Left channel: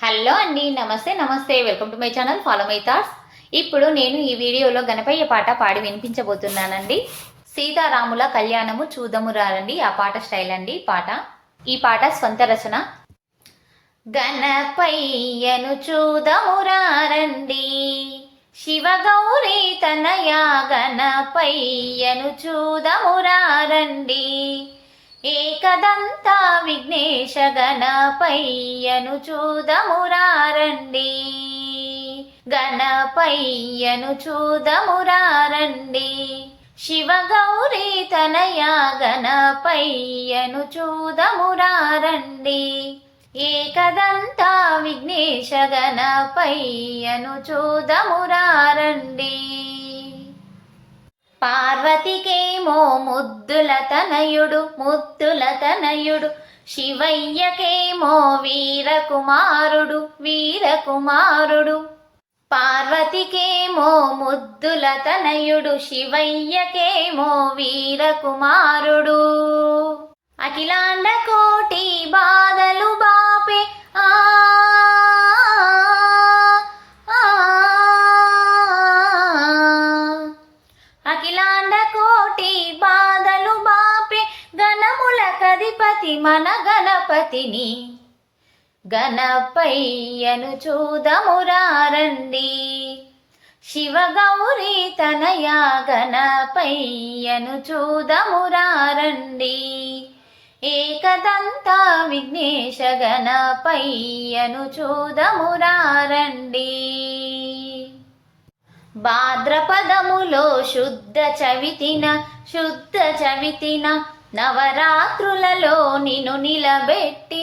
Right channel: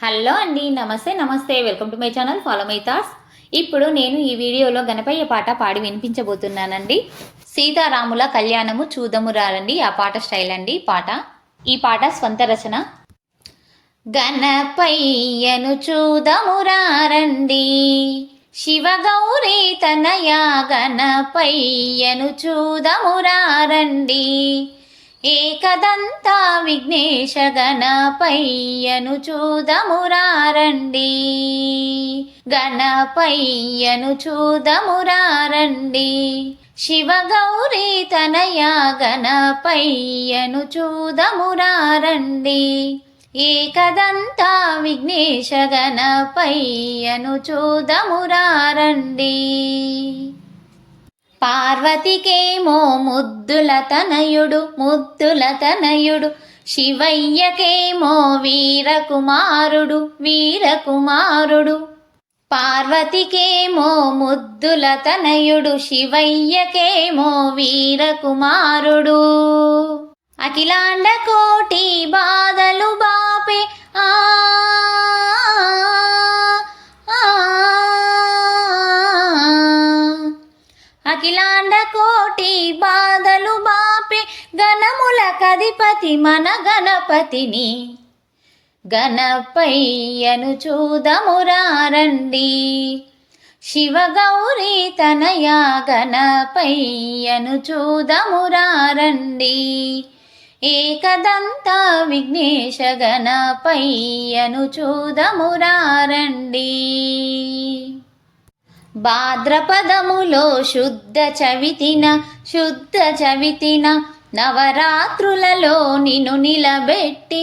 Hello అండి, నమస్తే నమస్తే, welcome to my channel follow my thoughts. ఇప్పుడు నేను ఈ వీడియోలో గణపయ్య పాట పాడి వినిపించబోతున్నానండి. సీతారాముల కళ్యాణము చూదము రారండి, ఆ పాట స్టైల్ అండి ఈ పాట స్వంత రచన. గణపయ్యను చూదము రారండి, శివగౌరీ తనయ గణపయ్యను చూదము రారండి, ఏకదంత విఘ్నేశ గణపయ్యను చూదమురారండి, గణపయ్యను చూదమురారండి, శివగౌరీ తనయ గణపయ్యను చూదమురారండి, ఏకదంత విఘ్నేశ గణపయ్యను చూదమురారండి. పార్వతికేమో ముద్దుల తనయుడు, శివయ్యకేమో వీరకుమారుడు. పార్వతికేమో ముద్దుల తనయుడు, శివయ్యకేమో వీరకుమారుడు. అఖిలాండ కోటి బాధలు బాపే అఖిలాండ కోటి బాధలు బాపే గణముల కధిపతి మన గణపతిని, గణపయ్యను చూదమురారండి, శివగౌరీ తనయ గణపయ్యను చూదమురారండి, ఏకదంత విఘ్నేశ గణపయ్యను చూదమురారండి. భాద్రపదములో శుద్ధ చవితిన నవరాత్రులలో నిన్ను నిలబెట్టి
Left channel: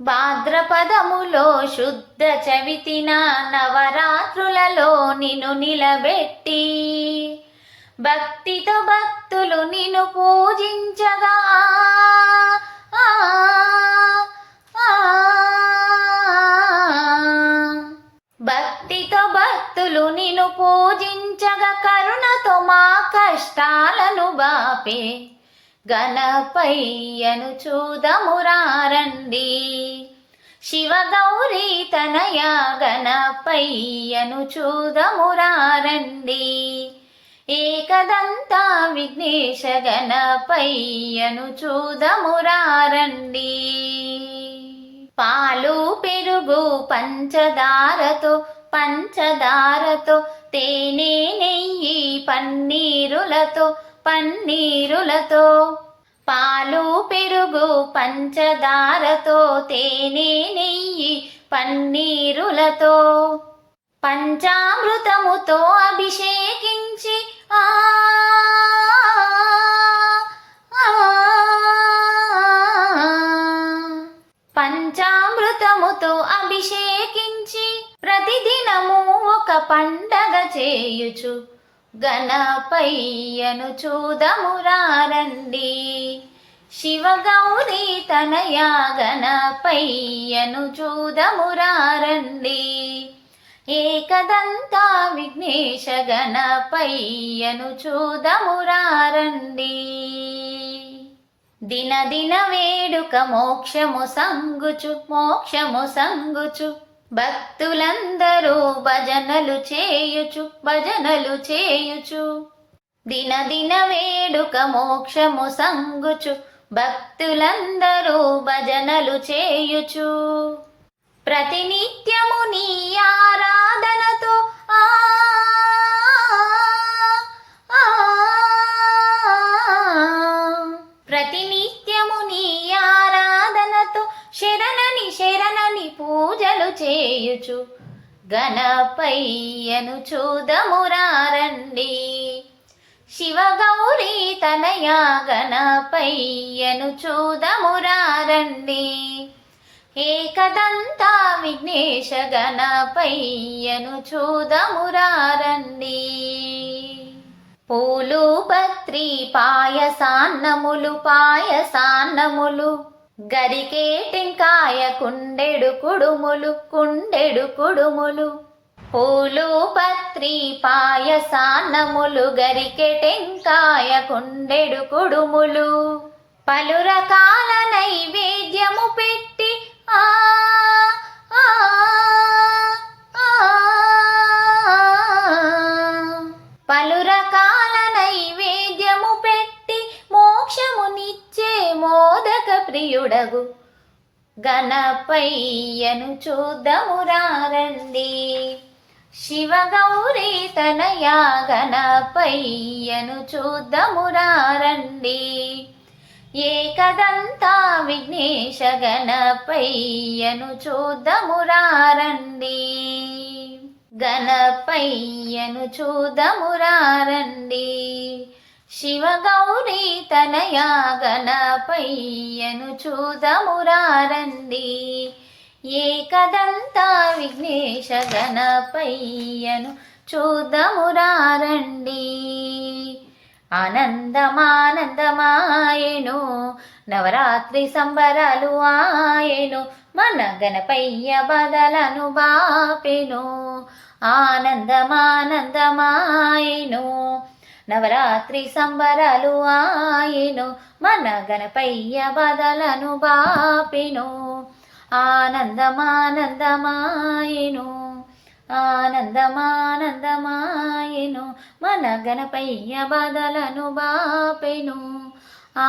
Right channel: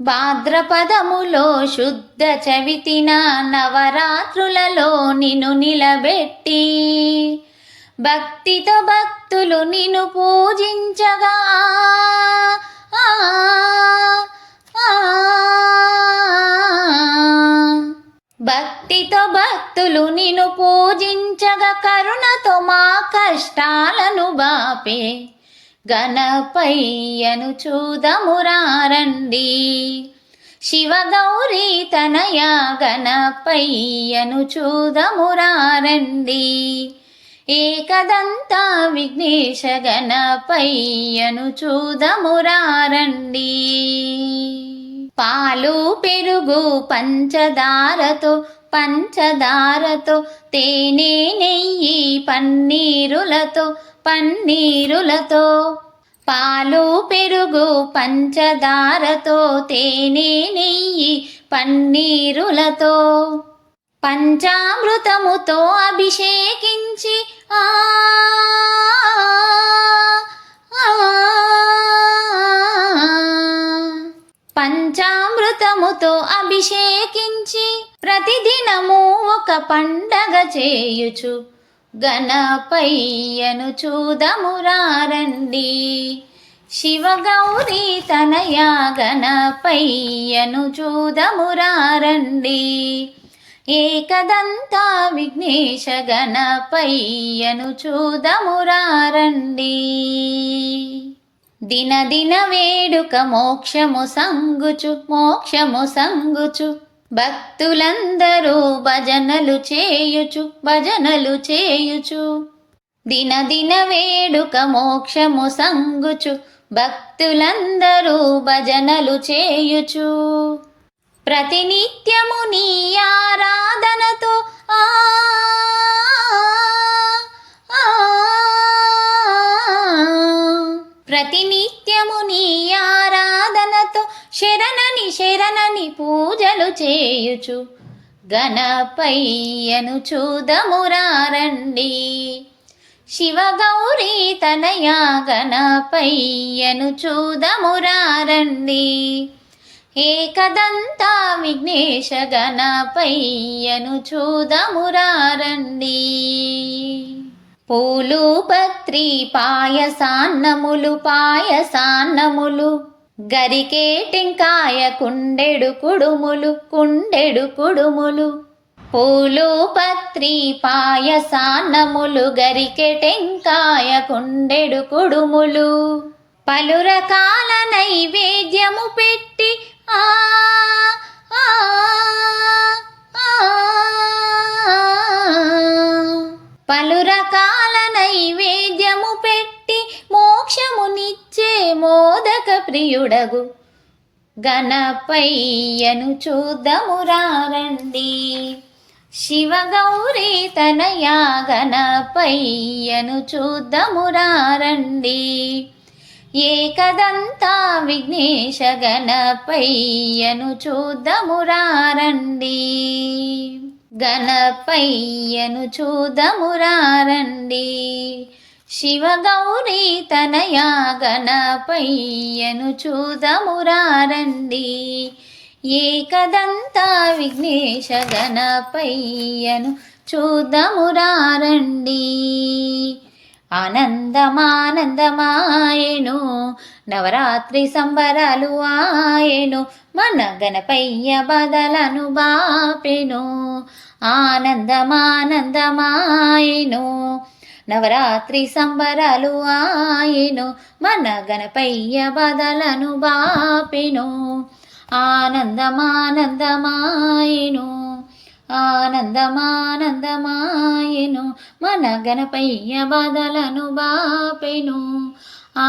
భాద్రపదములో శుద్ధ చవితిన నవరాత్రులలో నిన్ను నిలబెట్టి, భక్తితో భక్తులు నిన్ను పూజించగా భక్తితో భక్తులు నిన్ను పూజించగా, కరుణతో మా కష్టాలను బాపే గణపయ్యను చూదమురారండి, శివగౌరీ తనయ గణపయ్యను చూదమురారండి, ఏకదంత విఘ్నేశ గణపయ్యను చూదమురారండి. పాలు పెరుగు పంచదారతో తేనె నెయ్యి పన్నీరులతో పాలు పెరుగు పంచదారతో తేనె నెయ్యి పన్నీరులతో పంచామృతముతో అభిషేకించి పంచామృతముతో అభిషేకించి ప్రతిదినము ఒక పండగ చేయుచు గణపయ్యను చూదమురారండి, శివగౌరీ తనయ గణపయ్యను చూదమురారండి, ఏకదంత విఘ్నేశ గణపయ్యను చూదమురారండి. దినదిన వేడుక మోక్షము సంగుచు భక్తులందరూ భజనలు చేయుచు దినదిన వేడుక మోక్షము సంగుచు భక్తులందరూ భజనలు చేయుచు, ప్రతినిత్యము నీ ఆరాధనతో ప్రతినిత్యము నీ ఆరాధనతో శరణని పూజలు చేయుచు గణపయ్యను చూదమురారండి, శివగౌరీ తనయ గణపయ్యను చూదమురారండి, ఏకదంత విఘ్నేశ గణపయ్యను చూదమురారండి. పూలు పత్రి పాయసాన్నములు గరికేటింకాయ కుండెడు కుడుములు పూలు పత్రి పాయసాన్నములు గరికెటెంకాయ కుండెడు కుడుములు పలు రకాల నైవేద్యము పెట్టి ఆ ప్రియుడగు గణపయ్యను చూద్దామురారండి. శివగౌరీ తనయా గణపయ్యను చూద్దామురారండి. ఏకదంతా విఘ్నేశ గణపయ్యను చూద్దామురారండి. గణపయ్యను చూద్దామురారండి. శివగౌరీ తనయా గణపయ్యను చూద్దామురారండి. ఏకదంతా విఘ్నేశ గణపయ్యను చూద్దామురారండి. ఆనందమానందమాయెను నవరాత్రి సంబరాలు ఆయెను, మన గణపయ్య బాధలను బాపెను. ఆనందమానందమాయెను నవరాత్రి సంబరాలు ఆయెను, మన గణపయ్య బాధలను బాపెను. ఆనందమానందమాయెను ఆనందమానందమాయెను, మన గణపయ్య బాధలను బాపెను.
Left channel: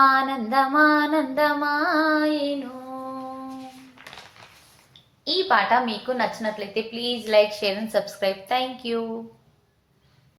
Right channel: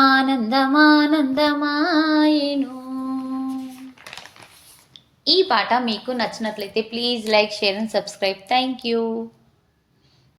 ఆనందమానందమాయెను. ఈ పాట మీకు నచ్చినట్లయితే please like, share and subscribe. Thank you.